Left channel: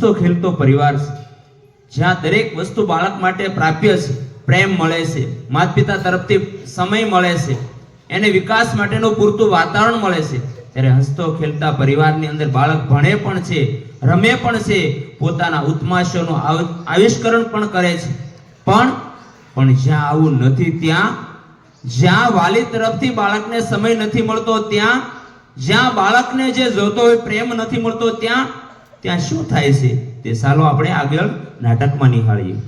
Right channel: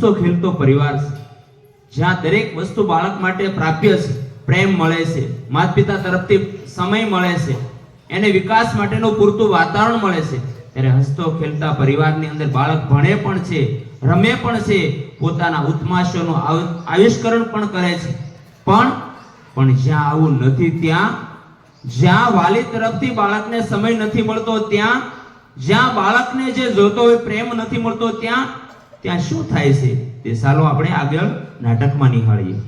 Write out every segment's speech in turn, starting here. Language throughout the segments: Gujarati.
હસતો ખેલતો પરિવાર છે, જ્યાં દરેક વસ્તુ બાળક માટે પ્રાપ્ય છે, પ્રેમ મળે છે, માતા પિતા તરફથી સમય મળે છે, એને વિકાસ માટેનું પૂરતું વાતાવરણ મળે છે, ત્યારે હસતો ખેલતા પરિવારની અંદર બાળક ભણે પણ છે, રમે પણ છે, પોતાના ઉત્માશોનું આવિષ્કરણ પણ કરે છે. પણ જ્યાં આવું નથી, જ્યાં વાલી તરફથી બાળકને સમય નથી મળતો, જ્યાં બાળકને જે જોતો હોય પ્રેમ નથી મળતો, ત્યાં શું થાય છે તે ચાલો આપણે આગળ નાટકમાં નિહાળીએ.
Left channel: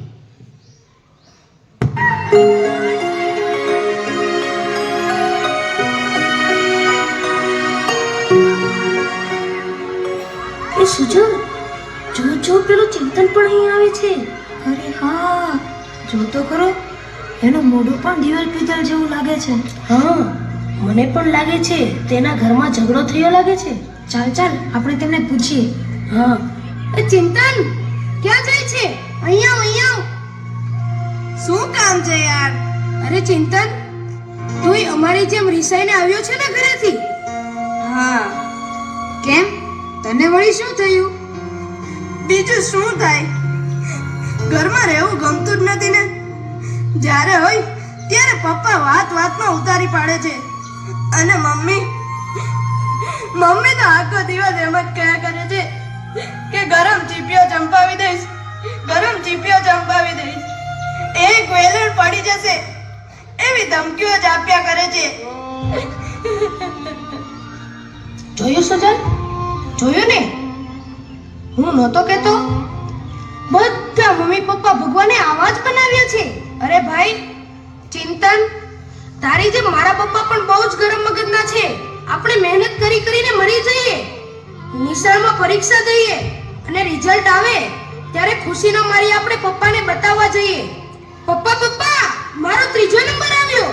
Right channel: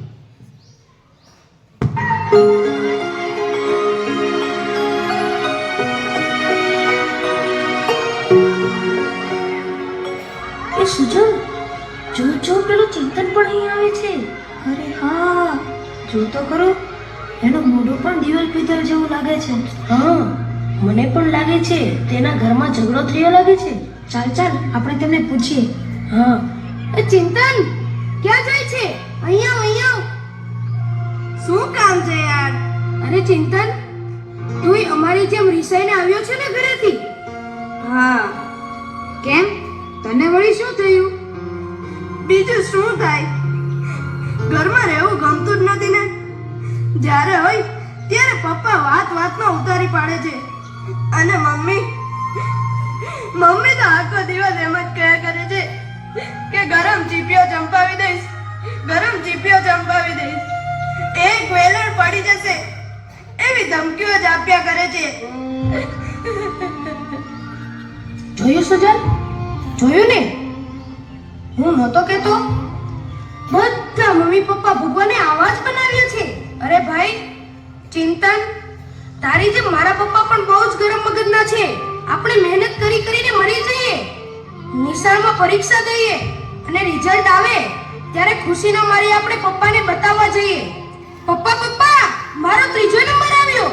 એ સુજો, જો પેલો ચિંતન પણ અહીં આવે છે. અરે હા, જો તો ખરો, એનું મોઢું પણ દિવાલ પિત્તળ જેવું લાગે છે. હા, મને પણ લાગે છે તેના ઘરમાં ઝઘડો થયો લાગે છે. ચાલ આપણે તેમને પૂછીએ. હા. એ ચિંતન, ક્યાં જાય છે? અહીંયા શું કામ છે યાર? અરે ચિંતન, તું અમારી જેમ રિસાઈને આવ્યો છે ને ઘરેથી? હા. કેમ, તને વળી શું થયું? બીજું શું થાય, ઘરમાં રહેવું ગમતું જ નથી ને. જ્યારે હોય ત્યારે પપ્પા વાતમાં ઉતારી પાડે છે, અને મમ્મી તો આખો દિવસ એમ જ કહ્યા કરે છે કે ગરમ ચીપિયો ચંપાવી દઈશ. એક વેલણ પડી જશે એવી ધમકીઓ જ આપ્યા કરે છે. જોયું સુજલ, જોયું ને? હું નહોતો કહેતો. બધા મમ્મી પપ્પા ભગવાને આવા જ બનાવ્યા છે. અરે ભાઈ ચિંતન, તારી જેમ મારા પપ્પા પણ બહુ જ ગરમ મગજના છે. આપણે મહેનત કરીને મરી જઈએ, નિશાળમાં પરીક્ષા દઈએ અને રિઝલ્ટ આવે ત્યારે ખુશીના મારી આપણે પપ્પાને બતાવવા જઈએ, પપ્પા મારો ત્રીજો નંબર આવ્યો.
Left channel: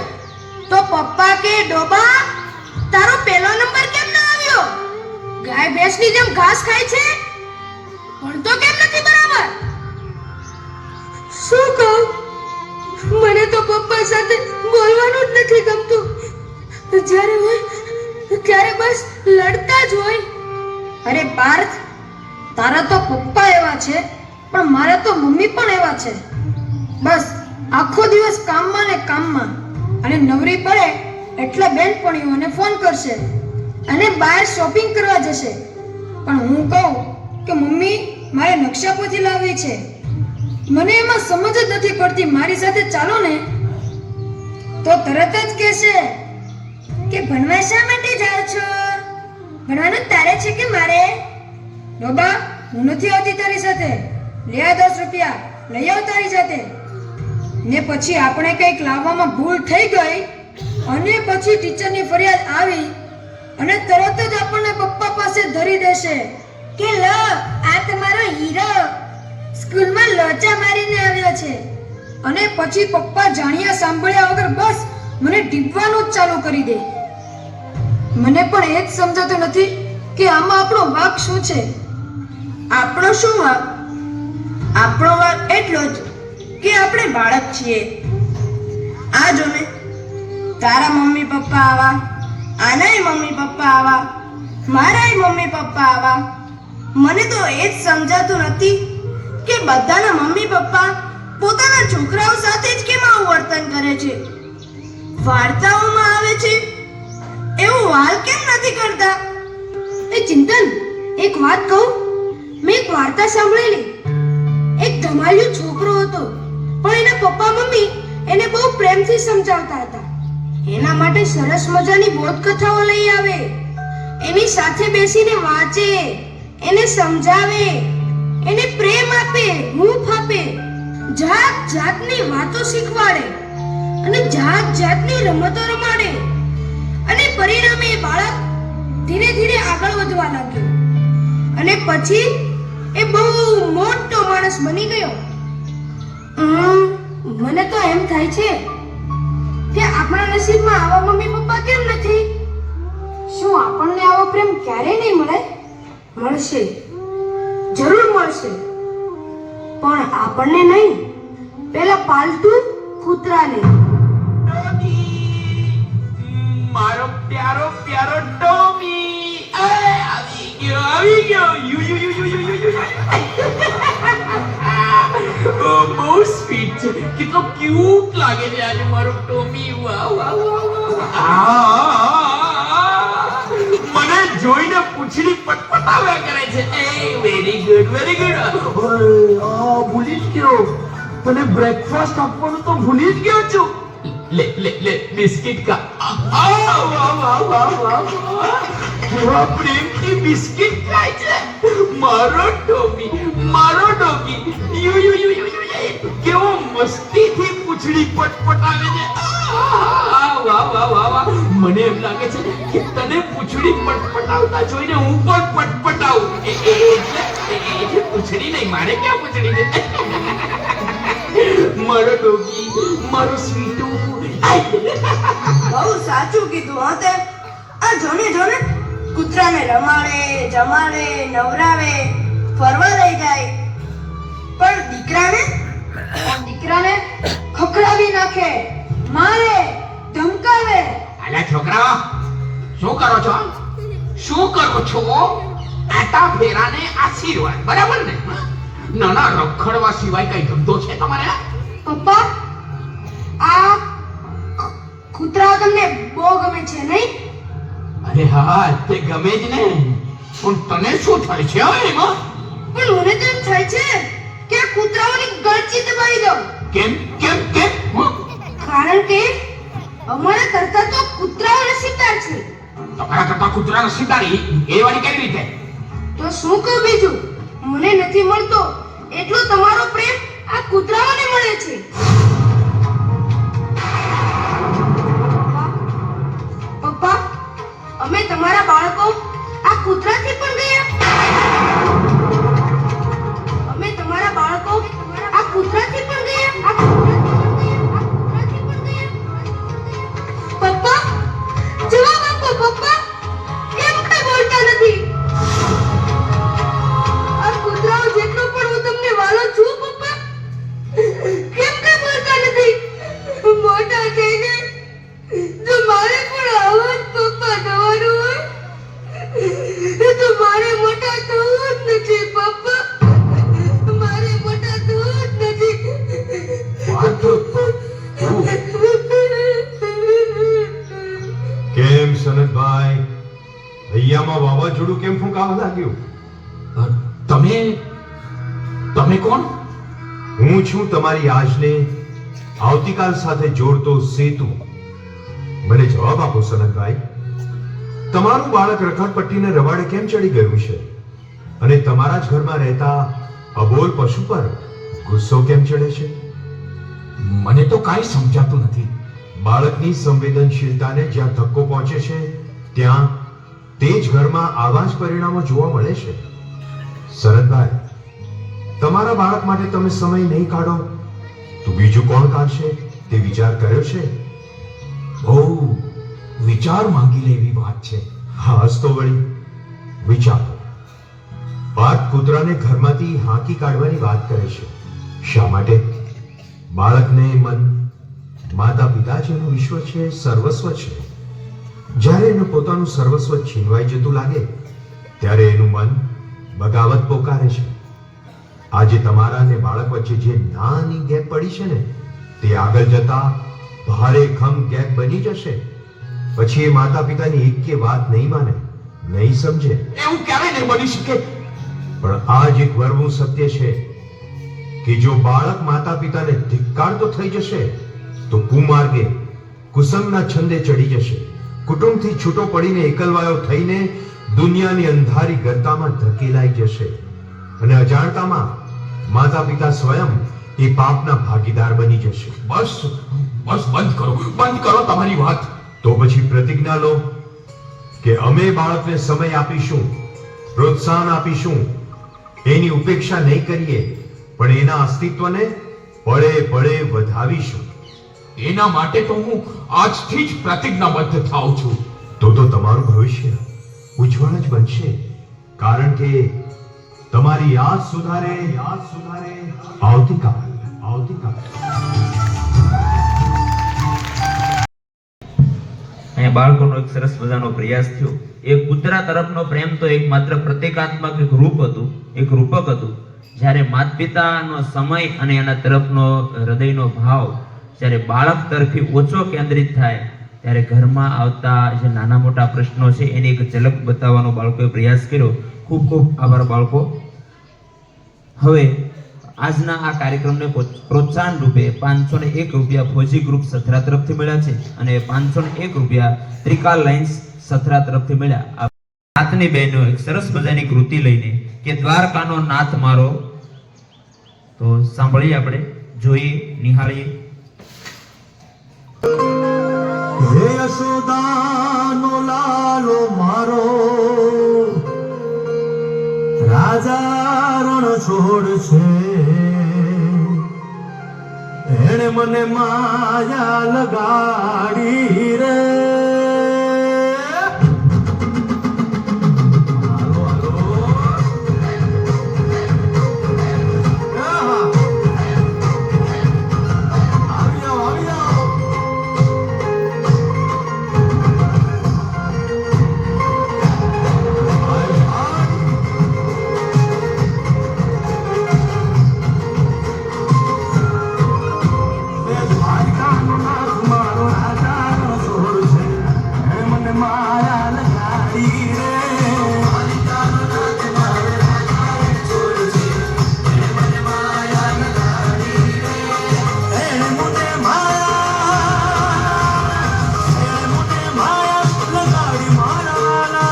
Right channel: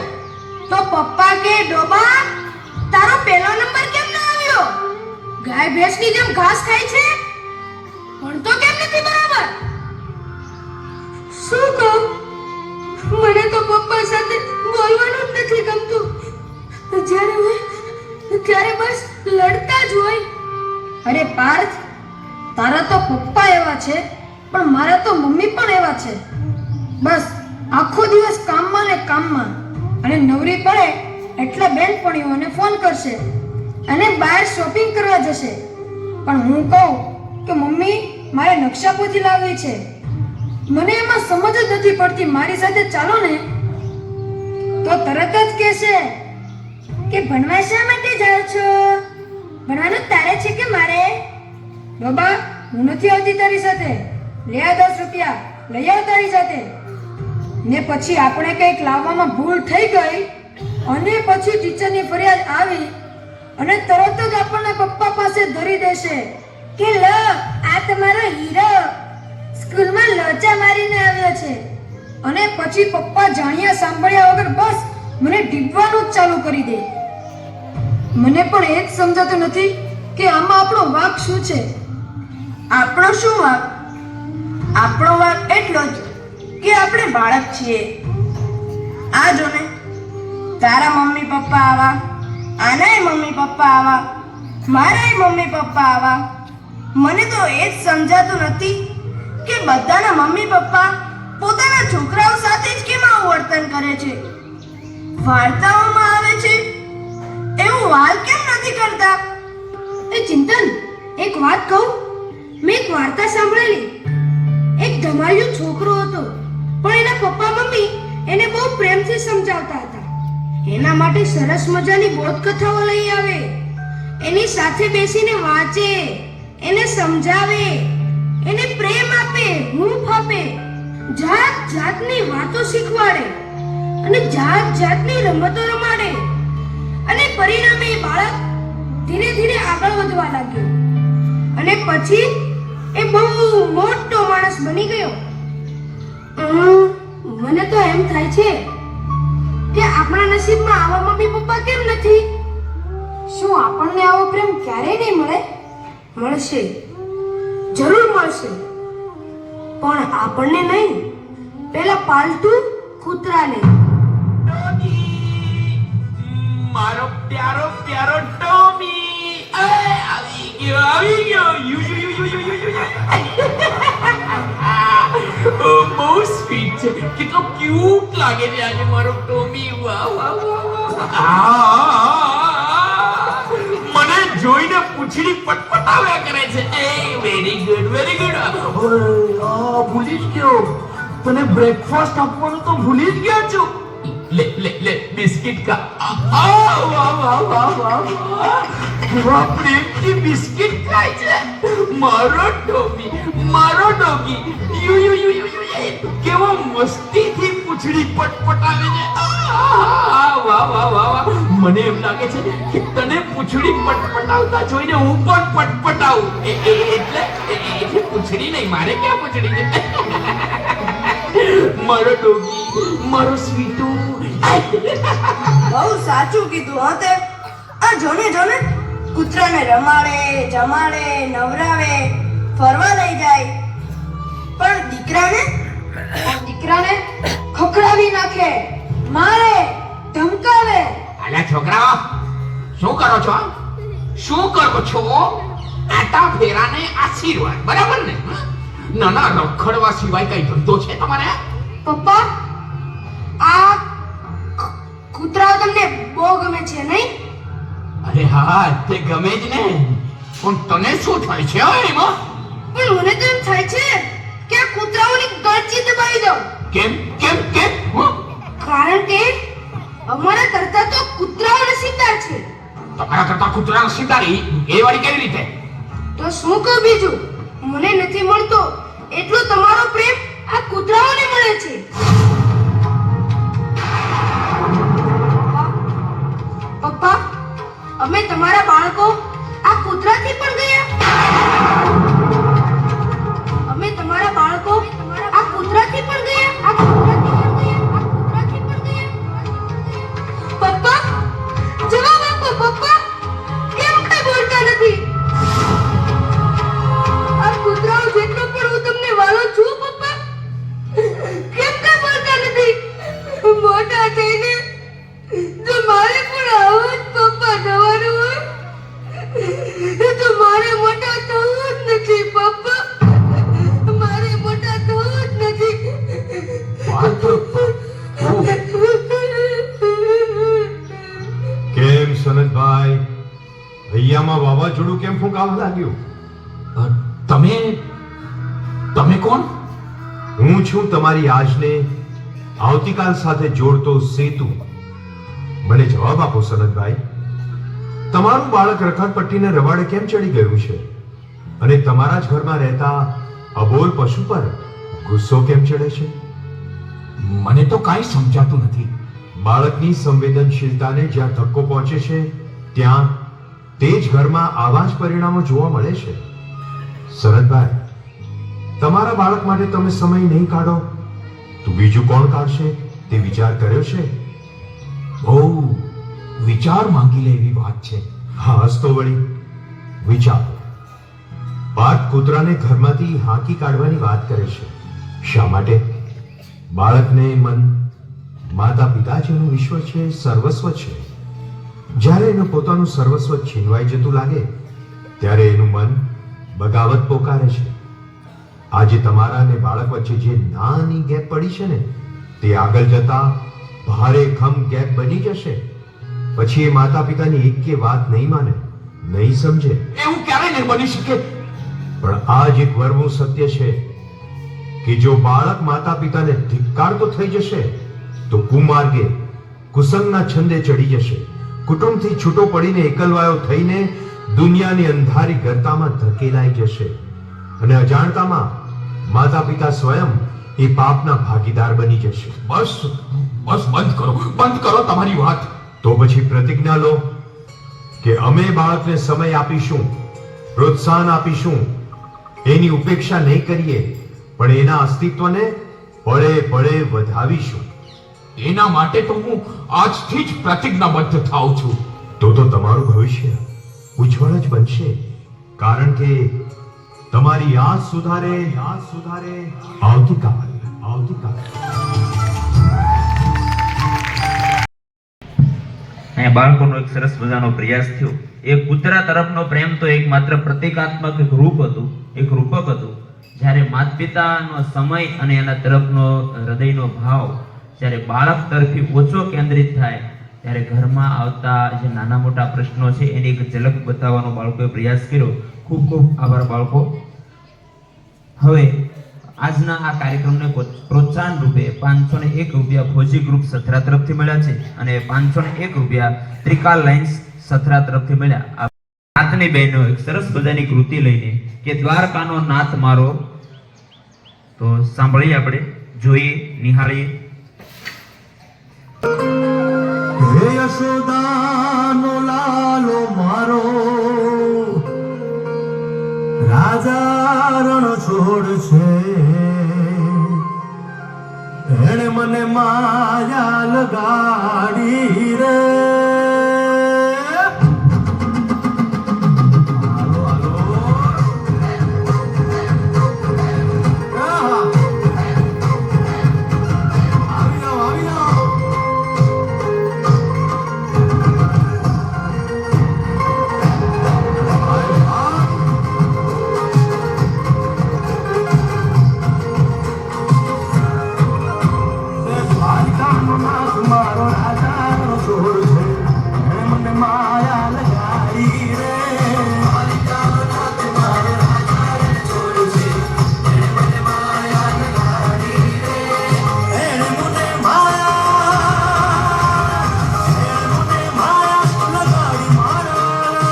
તો પપ્પા કે ડોબા, તારો પહેલો નંબર કેમ ના આવ્યો? ગાય ભેંસની જેમ ઘાસ ખાય છે, ભણતો કેમ નથી બરાબર? શું કહું, મને તો પપ્પા સાથે બોલવાનું જ નથી ગમતું. જ્યારે હોય ત્યારે બસ લડતા જ હોય. અરે પાર્થ, તારા તો પપ્પા એવા છે, પણ મારા તો મમ્મી પણ એવા છે. બસ આખો દિવસ કામમાં અને નવરી પડે એટલે બેનપણીઓને ફોન કરશે અને બહાર શોપિંગ કરવા જશે. પણ હું કહું કે મમ્મી મારે નકશાપોથી લાવવી છે, મને એમાં સમજ જ નથી પડતી, મારી સાથે ચાલો ને. તો તરત જ કહેશે કે ભણવા શા માટે જાઓ છો? ભણવાનું તારે છે કે મારે? બાબા, હું નથી આવતી તારી સાથે. લે 10 રૂપિયા લઈ આવ તારી સાથે. ને પછી આપણે કંઈક લાવવામાં ભૂલ થઈ ગઈ અને પછી ટીચરની ફરિયાદ આવી અને તરત જ આપણને પપ્પા પાસે ધરી દેશે કે લો, આ તમારો હીરો સ્કૂલમાં લોચા મારીને આવ્યો છે. અને પછી પપ્પા જાણ્યા સાંભળ્યા વગર બસ મને ડીપવાનું જ ચાલુ કરી દે. મને પણ એ જ સમજાતું નથી કે આમાં આપણો વાંક શું છે. આપણો શું વાંક? આપણો વાંક એટલો જ કે આપણે બાળક છીએ. આ જો ને, તારા મમ્મી પપ્પા આવા, આનાય મમ્મી પપ્પા આવા, મારાય મમ્મી પપ્પા આવા. મને તો એ જ સમજાતું નથી કે બધાના મમ્મી પપ્પા પોતાના છોકરાઓ સાથે જ કેમ આવું વર્તન કરે છે. વાર્તાઓમાં આવે છે એવું વાલ કેમ નથી કરતા? એ ચિંતન, એક વાત કહું, મેં એક વાર્તા સાંભળેલી. એક ધમાલિયો છોકરો હતો, પણ એના પપ્પા મમ્મી એને બહુ પ્રેમથી સમજાવતા હતા. એના માટે સરસ મજાની બોધકથાઓ લઈ આવે, એની સાથે બેસીને વાંચે, એને સમજાવે, એને પ્રેમ આપે, હૂંફ આપે, જાતની વાતો શીખવાડે અને જાતની રમતો રમાડે. અને પરિણામે એ બાળક ધીરે ધીરે આગળ વધવા લાગ્યો અને પછી એ બહુ મોટો માણસ બની ગયો. મને તો એમ થાય છે કે આપણા નસીબમાં આવા મમ્મી પપ્પા કેમ નથી? શું આપણને આવો પ્રેમ ક્યારે નહીં મળે? મળશે, જરૂર મળશે, પણ આપણને નહીં, પેલા પાલતુ કૂતરાને. મારો પ્યારો ટોમી આવી ગયો. છે, કેટલો ક્યુટ લાગે છે આજે મારો ટોમી. વાહ વાહ વાહ. મને જોઈને પૂંછડી પટપટાવ્યા કરે છે. એ વેરી ગુડ વેરી ગુડ. ભૂલી જ ગયો, મને બ્રેકફાસ્ટ આપવાનું તો ભૂલી જ ગયો છું. લે લે લે બિસ્કિટ કા. વાહ વાહ વાહ વાહ વાહ. કેવા પ્રેમથી બિસ્કિટ ખાય છે મારો ટોમી, મારો doggy. You you you you you. કેવો મસ્તીથી પૂંછડી પટપટાવે છે. વાહ વાહ વાહ વાહ. મને એમ લાગે છે કે તને પૂંછડી પટપટાવતા જોઈને હું પણ પટપટાવું. એટલે પૂંછડી નહીં, મારે ક્યાં પૂંછડી છે. મારો ડોગી, મારો સ્વીટુ. બહુ સાચું કીધું હો તે. આ જોને જોને કૂતરાને રમાડે, જમાડે, નવરાવે, ફરવા લઈ જાય, પણ દીકરાને ખખડાવી નાખે, મારે, ધમકાવે. અલ્યા છોકરાઓ, શું કરો છો? શું કરો છો? આટા ફેરાને આશીર્વાદ, બરાબર ને? નાના રખડવા સિવાય કઈ ધંધો છે તમારે? પપ્પા, આ કૂતરાઓ તમને બહુ ગમે છે નહીં? અરે હા, તે ગમે જ ને. પણ તને શું થાય છે એમાં? પણ મને તો એમ થાય છે કે આ કૂતરાઓની ગળચી દબાવી દઉં. કેમ કેમ કેમ? કારણ કે અમારા કરતા તો કૂતરાઓ નસીબદાર છે. તમારા કરતા કૂતરા નસીબદારી એ વાળી કેવી રીતે? તો શું કહું બીજું? મને નથી મળતો એટલો તમારો પ્રેમ આ કૂતરાઓને મળે છે. પપ્પા, અમે તમારા બાળકો આ કૂતરાથી પણ ગયા. અમે તમારા બાળકો આ કૂતરાથી પણ ગયા. પપ્પા, જવાબ આપો પપ્પા. કેમ કઈ બોલતા નથી? આ કૂતરાઓ જેટલો પણ હું તમને વાલો છું પપ્પા, કેમ કઈ બોલતા નથી? મોટા થઈને જો મારે પણ આવો જ પપ્પા થવાનું હોય તો મારે મોટા થવું જ નથી પપ્પા. મારે મોટા થવું જ નથી. કેમ સનતભાઈ, હૈયામાં વાવાઝોડું કેમ ફૂંકાવા લાગ્યું? તમે કોણ? હું છું તમારી આજને આવતીકાલ સાથે જોડતો સેતુ. મને જવાબ આપો સનતભાઈ, તમારું બાળક રખડપટ્ટીને રવાડે કેમ ચડી ગયું છે અને તમારા જ ઘરમાં રહેતા અબોલ પશુ પર ગુસ્સો કેમ ચડે છે? મને તો કાંઈ સમજાતું નથી. બાળકની સંવેદનશીલતાને જ્યાં ધક્કો પહોંચે છે ત્યાં તે જ ઘરમાં આવા જ પરિણામો જોવા મળે છે. શરદભાઈ, તમારા બાળક માટે તમે સમય નહીં કાઢો તો બીજું કોણ કાઢશે તે વિચાર કર્યો છે? બહુ વિચાર માંગી લેવી વાત છે. હા, હસતો વળી વિચારો. પાર્થ કૂતરાને ઘરમાંથી હાંકી કાઢવાની વાત કરે છે. શા માટે? બાળકને મન માતા પિતા જેનું વિશ્વ છે, સર્વસ્વ છે. જ્યારે એને પોતાનું સર્વસ્વ છીનવાઈ જતું લાગે ત્યારે એનું મન બગાવત પોકારે છે. આજે તમારા અને બાળક વચ્ચે જે નાની ગેપ પડી છે ને તે આગળ જતા ભારે ખમ ગેપ બની જશે. પછી એ માતા પિતાની એક કે વાત નહીં માને, નહીં સમજે. એવું ક્યારે નહીં બની શકે? પણ આ જ એક વરવું સત્ય છે કે જો બાળક માતા પિતાને ધિક્કારતો થઈ જશે તો કુમાર્ગે કુસંગના છંદે ચડી જશે. કુટુંબથી છૂટો પડીને એકલવાયો થઈને દુનિયાની અંધારી ગર્તામાં ધકેલાઈ જશે અને અજાણતામાં માતા પિતા સ્વયં એ પાપના ભાગીદાર બની જશે. બસ બસ બંધ કરો તમારી વાત. તો પછી પ્રતિજ્ઞા લો કે અમે બાળકને સમય આપીશું, પ્રોત્સાહન આપીશું, એની ઉપેક્ષા નહીં કરીએ, પણ એના અસ્તિત્વને પળે પળે વધાવીશું. એના માટે તો હું આજથી જ પ્રતિજ્ઞાબદ્ધ થાઉં છું. તો તમારું ભવિષ્ય ઉજ્જવળ જ બનશે, કારણ કે તમારી યાદ સુધારે આવતીકાલ. અહીંયા બાળકોનો એક સરસ મજાનો પ્રયાસ થયો. એ કૂતરા તરફનો પ્રેમ તો એક માત્ર પ્રતિકાત્મક એક રૂપક હતું. જ્યારે માતા પિતાનો સમય અને એના તરફનો હૃદયનો ભાવ જ્યારે બાળક તરફી ઓછો કેન્દ્રિત થાય ત્યારે ઘરમાં આવતા જે નાના મોટા પ્રશ્નો છે એની એક ઝલક બતાવવાનો બાળકોએ પ્રયાસ કર્યો. ખૂબ ખૂબ આભાર બાળકો. હવે આજના આ કાર્યક્રમને પ્રોત્સાહન રૂપે 501 રૂપિયા ફોજી ગ્રુપ સથરા તરફથી મળ્યા છે અને 501 રૂપિયા ત્રિકાલ લાઇન્સ સથરા તરફથી મળ્યા. નાથની બહેનો એક સરસ મજાની કૃતિ લઈને કે દ્વારકાનો નાથ મારો, તો સાંભળીએ, આપણે જોઈએ, નિહાળીએ. હે યશોદાનો લાલો મારો, રાજા રણ છોડ છે, એણે મને માયા લગાડી રે. હાલો, હાલો. આહા. આવી જાઓ, આવી જાઓ. મારો રાજા છોડ છે, મને માયા લગાડી રે. એણે મને માયા લગાડી મારા,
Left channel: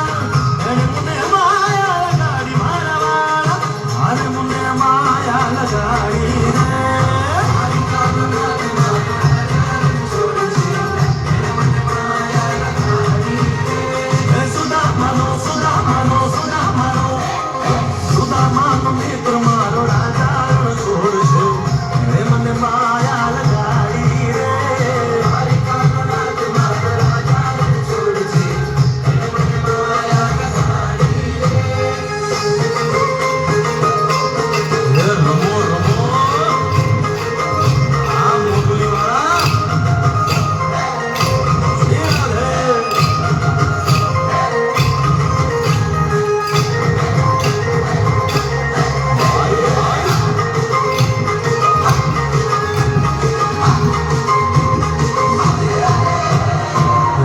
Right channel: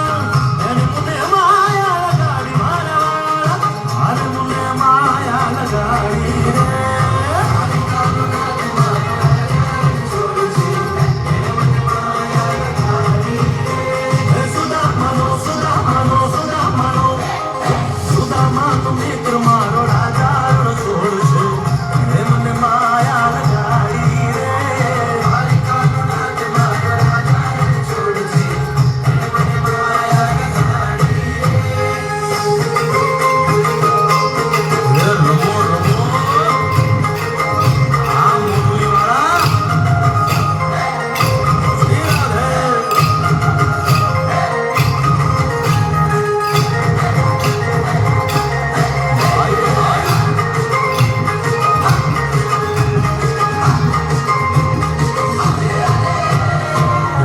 એણે મને માયા લગાડી મારા, અરે મને માયા લગાડી રે. સુદામાનો મિત્ર મારો રાજા છોડ છે, હે મને માયા લગાડી રે. હે રમો રમો આ મોગલીવાળા, હે રાધે.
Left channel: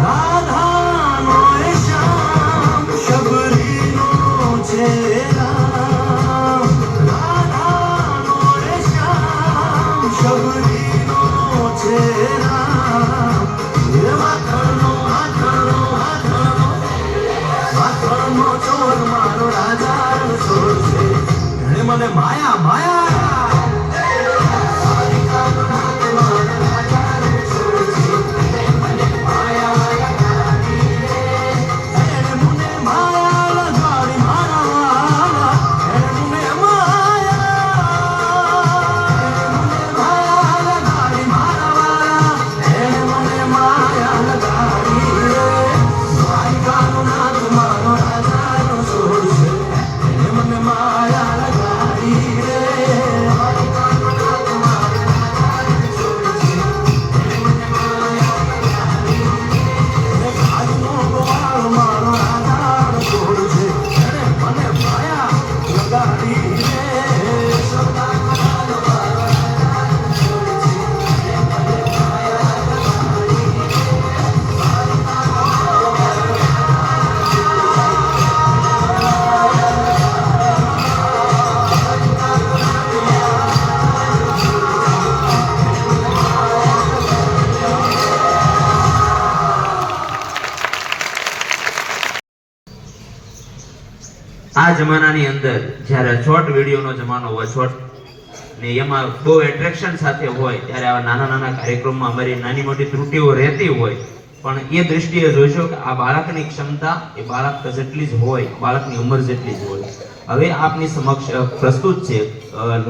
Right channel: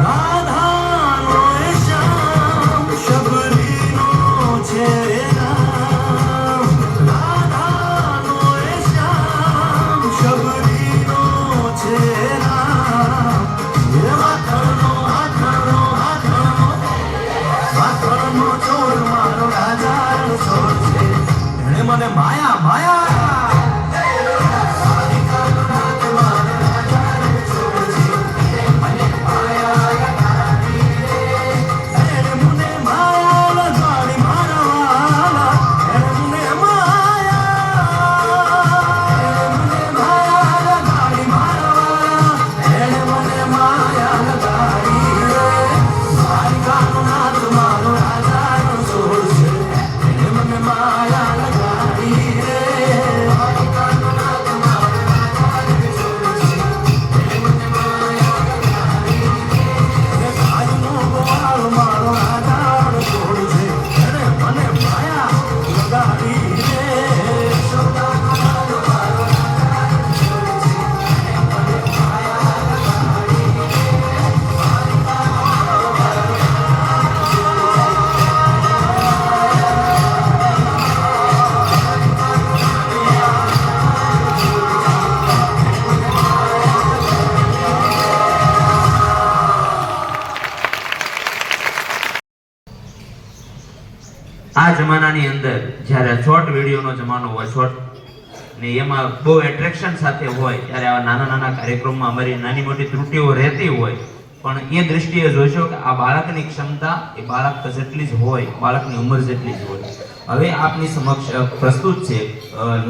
રાધાનો એ શ્યામ શબરીનો છે રામ, રાધાનો એ શ્યામ શબરીનો છે રામ. એ માખણનો ચોર મારો રાજા છોડ છે, એણે મને માયા માયા. એણે મને માયા લગાડી મારા વાલા, એણે મને માયા લગાડી મારા વાલા, એણે મને માયા લગાડી રે. દ્વારકાનો નાથ મારો રાજાનો છોડ છે, એણે મને માયા લગાડી રે. આજનો ગોવાળ મારો રાજાનો છોડ છે, એણે મને માયા લગાડી રે. આ જમાનાની અંદર જ્યારે શોર્ટ વિડીયોનો જમાનો હોય, શોર્ટ ને એમાં બહુ એટ્રેક્શન સાથે હોય, ત્યારે આ નાના નાના કાર્યક્રમમાં અમારી નાની મોટી ત્રુટિઓ રહેતી હોય, પણ એ દ્રષ્ટિએ જોઈશો કે આ બાળકની ક્ષમતા એ બાળક જેટલી જ હોય, બાળકની ઉંમર જેટલી જ હોય. હવે આપની સમક્ષ પ્રસ્તુત છે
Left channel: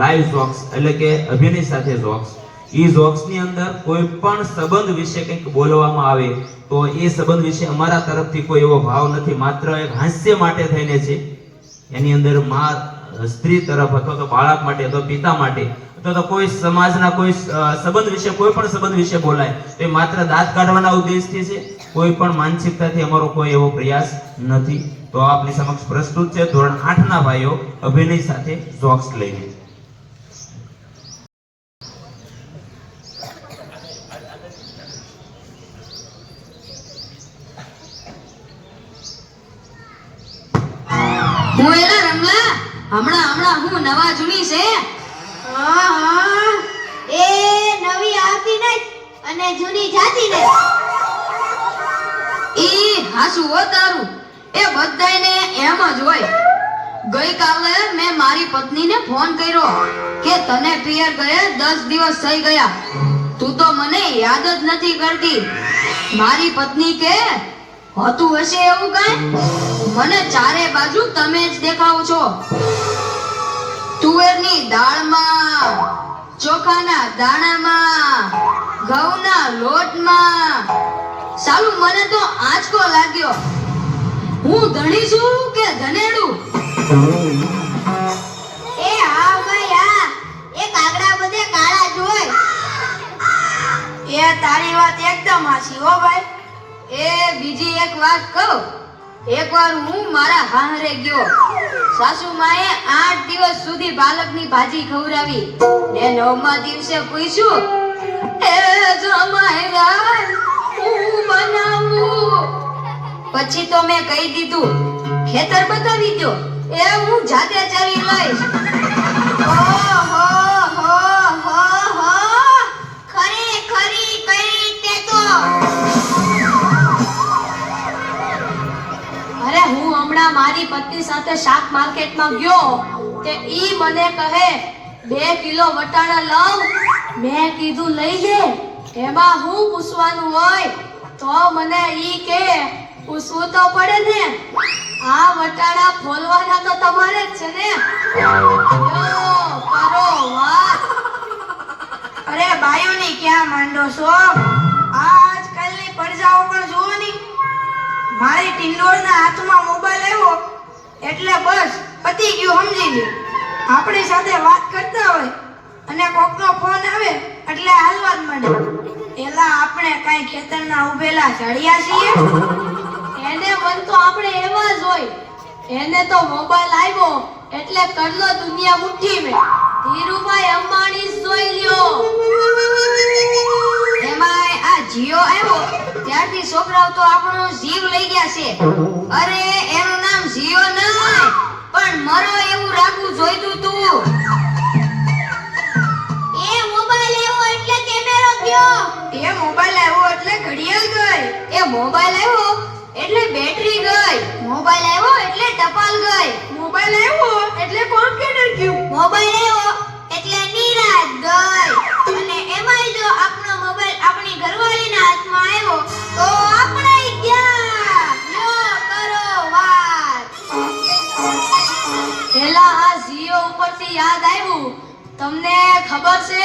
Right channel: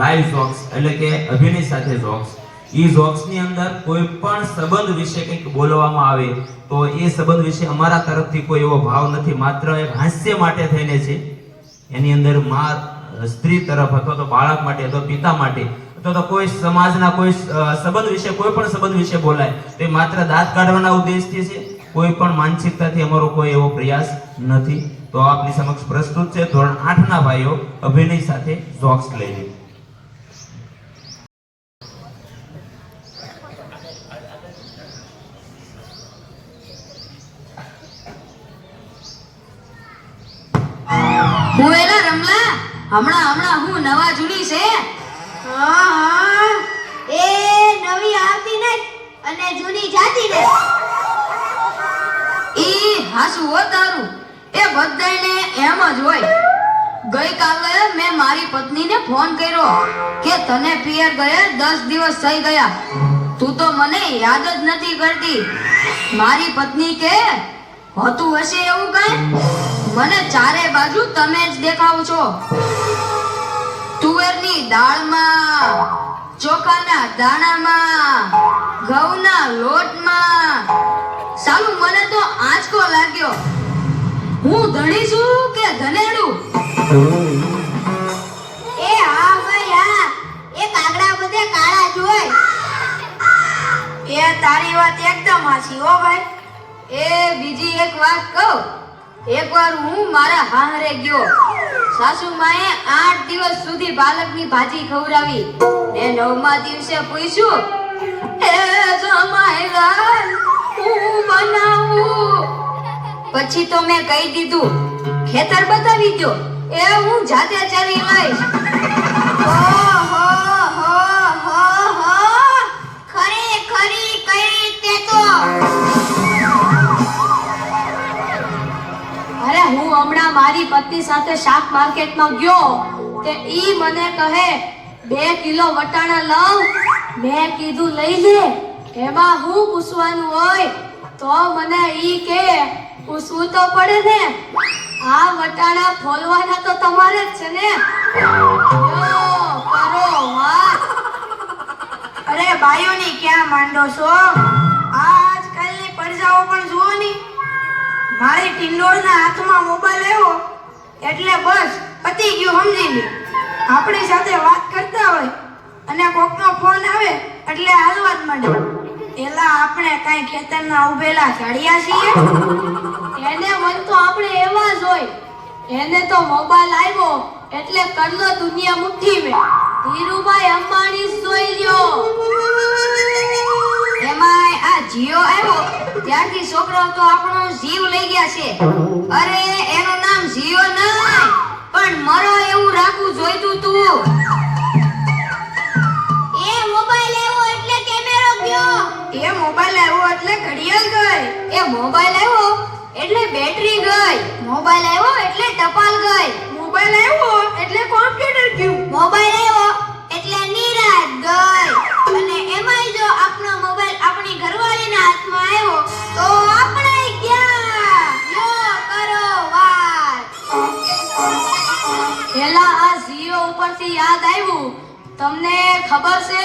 લાઈવ જોક્સ, એટલે કે અભિનય સાથે જોક્સ. એ જોક્સની અંદર કોઈ પણ સંબંધ વિશે કંઈક બોલવામાં આવે તો એ સંબંધ વિશે અમારા તરફથી કોઈ એવો ભાવ નથી, માત્ર એક હાસ્ય માટે થઈને છે. એની અંદર માં સ્ત્રી તરફ અથવા તો બાળક માટે અથવા પિતા માટે અથવા તો કોઈ સમાજના કોઈ સંબંધ વિશે, કોઈ પણ સંબંધ વિશે બોલાય તો એ માત્ર દાંત કાઢવાના ઉદ્દેશથી છે. કોઈ પણ માનસિકતાથી અમારો કોઈ એવો પ્રયાસ નથી. તો આપની સમક્ષ પ્રસ્તુત છે ધોરણ 8 ના ભાઈઓ અભિનય સાથે જોક્સ લઈને. હું એલા રમલા હમણાં હું નવા જૂની છે. હા એ નવી આવતી ને અને જૂની જાતી ને. ઈ હાસુ હો તારું, એ બધાને એમ જ હોય. ગઈકાલે મેં મારી પત્નીને ફોન કર્યો કે તને પિયર ગયે 10 દિવસ થઈ ગયા, તું તો મને યાદ જ નથી કરતી. મારી પત્ની કે હોતું હશે એવું કાંઈ, મને ચારે બાજુ તમે જ દેખાવ છો. તુવેરની દાળમાં, ચોખાના દાણામાં, ઘઉંના લોટમાં. સાલું મને તો આંચકો લાગ્યો. હું ધણી છું કે ધનેડું? એ હા ભાઈ હા, એ કાગડા બધે કાળા જ હોય. એ તારી વાત એકદમ હાચી હો ભાઈ. એ બીજી એક વાત કહું. એકવાર હું મારા હાહરે ગયો. સાસુમાએ 8 દિવસ સુધી પાલકની ભાજી ખવડાવી ને 9મા દિવસે પૂછ્યું, એ જમાઈ રાય હું બનાવું? પછી તો મેં કહી દીધું, ખેતર બતાવી દો, એ હું જાતે ચરી લઈશ. હો હો હો હો હો, ખરેખરી કઈ તે તો. અરે હું હમણાં મારી પત્ની સાથે શાક માર્કેટમાં ગયો તે ઈ મને કહે 2 કિલો વટાણા લાવ. મેં કીધું લઈ લે, એમાં હું પૂછવાનું હોય? તો મને ઈ કે પૂછવું તો પડે ને, આ વટાણા ફોલવાના તો તમારે જ છે ને. લો, કરો વાત. અરે બાયુની ક્યાં માંડો છો? આજકાલની પડજાઓ પણ જુઓ ની. મારી ટિંડોળના હાથમાં મોબાઈલ આવ્યો એટલે બસ પતી ગયું, સમજી લે. આપણી સાથે વાત કરતા હોય અને કોકનો ફોન આવે એટલે હાલવા જ માંડે. એલા આપણે કાંઈ ખેતરના ઉભેલા ચડિયા છીએ? એને મન તો આપણે એવા જ હોય. એને તો મોબાઈલ આવ્યો એટલે કરલો દુનિયા મુઠ્ઠી મેં. ધીરુભાઈ અંબાણી જ જોઈ લ્યો. એમાંય આ જીઓ આવ્યો ત્યારથી છોકરાઓ તો આપણો જીવ લઈ ગયા છે. અરે એનું નામ જીઓ નહીં પણ મરો એવું રાખવું જોઈતું તું. એ મોબાઈલ આવ્યો એટલે કેમેરો ગયો. એ મોબાઈલ આવ્યો એટલે ઘડિયાળ ગઈ. એ મોબાઈલ આવ્યો એટલે બેટરી ગઈ. મોબાઈલ આવ્યો એટલે ટપાલ ગઈ. મોબાઈલ આવ્યો એટલે કોમ્પ્યુટર ગયું. મોબાઈલ આવ્યો એટલે નિરાત ગઈ. અને એમાંય જો આપણો મોબાઈલ આપણી ઘરવાળીના હાથમાં આવ્યો તો આપણે ગયા. યો કરો વાત. પેલા આ જીઓ ઉપરથી યાદ આવ્યું, તમને ખબર છે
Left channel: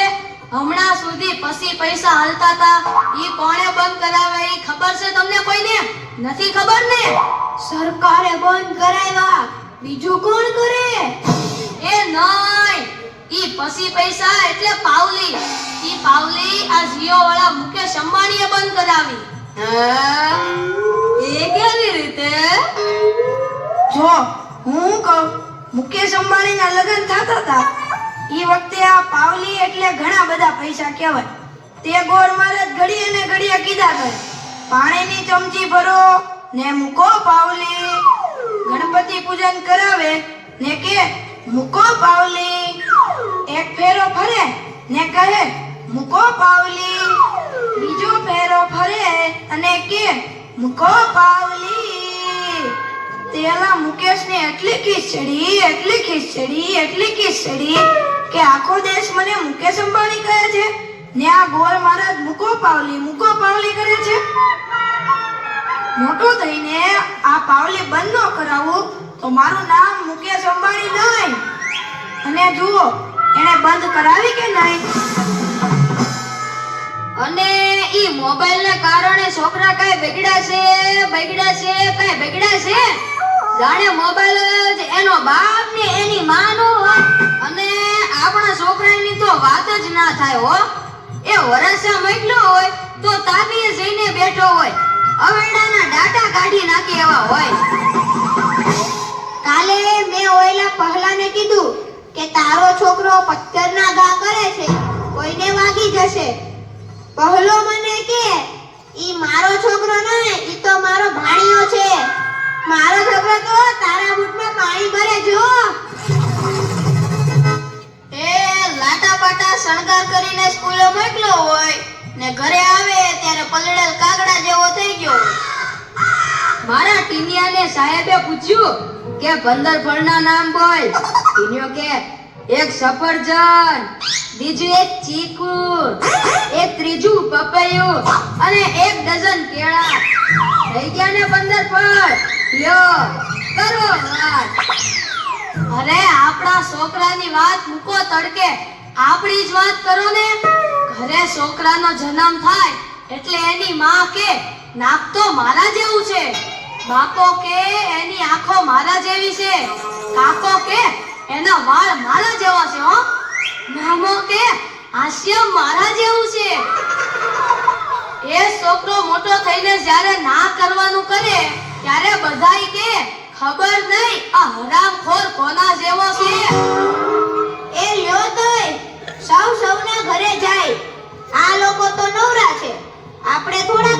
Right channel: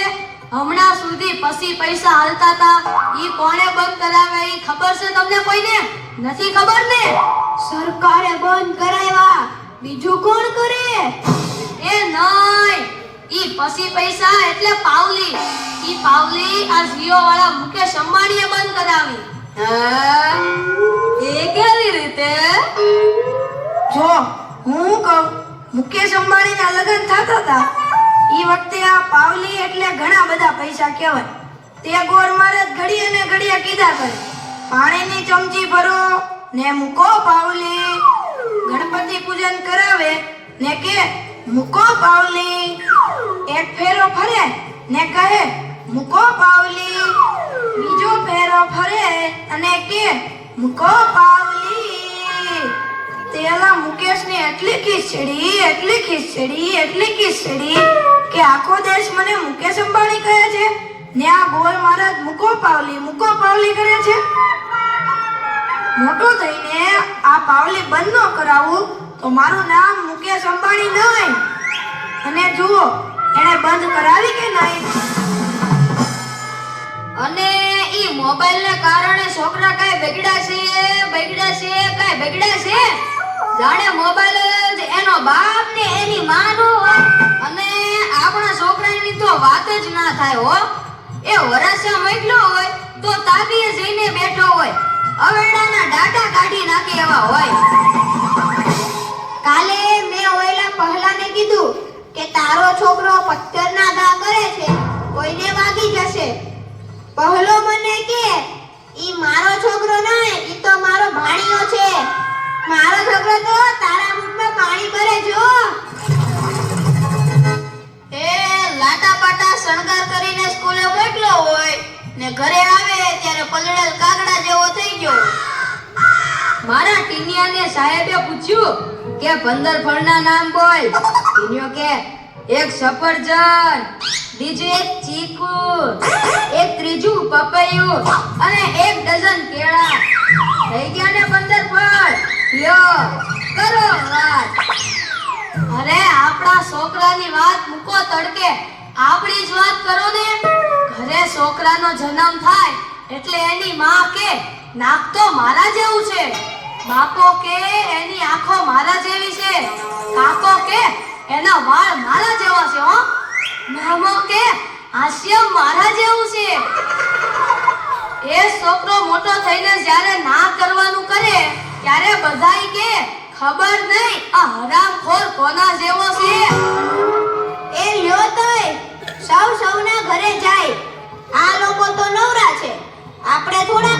હમણાં સુધી પછી પૈસા હાલતા હતા ઈ કોણે બંધ કરાવે ઈ ખબર છે તમને કોઈને? નથી ખબર ને? સરકારે બંધ કરાવ્યા, બીજું કોણ કરે? એ નહીં, ઈ પછી પૈસા એટલે પાવલી. ઈ પાવલી આ જીઓ વાળા મુકેશ અંબાણીએ બંધ કરાવી. એ કેવી રીતે? જો હું કહું, મુકેશ અંબાણીના લગ્ન થતા હતા એ વખતે આ પાવલી એટલે ઘણા બધા પૈસા કહેવાય. તે ગોર મહારાજ ઘડીએ ને ઘડીએ કીધા કરે, પાણીની ચમચી ભરો ને મૂકો પાવલી. ગણપતિ પૂજન કરાવે ને કે મૂકો પાવલી. એક ફેરો ફરે ને કહે મૂકો પાવલી. બીજો ફેરો ફરે અને કે મૂકો પાવલી. તેલા મુકેશની એટલી ખીચડી કે આખો દેશ મને મુકેશ અંબાણી કહે છે ને આ ગોર મહારાજ મૂકો પાવલી કરે છે. મોટો થઈને આ પાવલી બંધ ન કરાવું તો મારું નામ મુકેશ અંબાણી નહીં. અને જુઓ એને બંધ કરાવી કે નહીં. અને ઈ મોબાઈલ ને કારણે છોકરા કઈ બગડ્યા છે. જાણે મોબાઈલ જ એનો બાપ ને એની માં નો હોય. અને આપણા છોકરાની તો વાત જ ના થાય હો. એ વરાસા મોકલો હોય તો તાબીએ જઈને બેઠો હોય અવેડાના ડાટા કાઢી નાખે એવા હોય. કાલે મેં ઓયલા પહેલાને કીધું કે તારો છોકરો પથ્થરના ઘા કરે છે, કોઈને વાગી જશે. પહેલો મને કે ઈ મારો છોકરો નહીં, ઈ તો મારો ભાણિયો છે. મારો છોકરો તો તારા બૂટમાં પાણી ભરે જો. એ લાટા પાટા શણગાર કરીને સ્કૂલે મોકલો હોય ને ઘરે આવે ત્યારે પલળેલ કાગડા જેવો થઈ ગયો. મારા ટીનિયાને સાહેબે પૂછ્યું કે 15 ફળના નામ બોલ. ટીનિયો કે એક સફરજન, બીજું એક ચીકુ, એક ત્રીજું પપૈયું અને 1 ડઝન કેળા. થઈ ગયા ને 15 ફળ. લ્યો કરો વાત. અરે આપણા છોકરાની વાત મૂકો તડકે, આપણી જ વાત કરો ને. ઘરે છોકરાનો જન્મ થાય એટલે એની માં કે નાક તો મારા જેવું છે, બાપો કે એની આંખો મારા જેવી છે, કાકો કે એના વાળ મારા જેવા છે, હો મામો કે હાસ્ય મારા જેવું છે. એ છોકરો મોટો થઈને જ્યારે ના કરવાનું કરે ત્યારે બધાય કે ખબર નહીં આ હરામખોર કોના જેવો છે. એ લ્યો તોય સૌના ઘરે જાય. આ લોકો તો નવરા છે, આપણે થોડા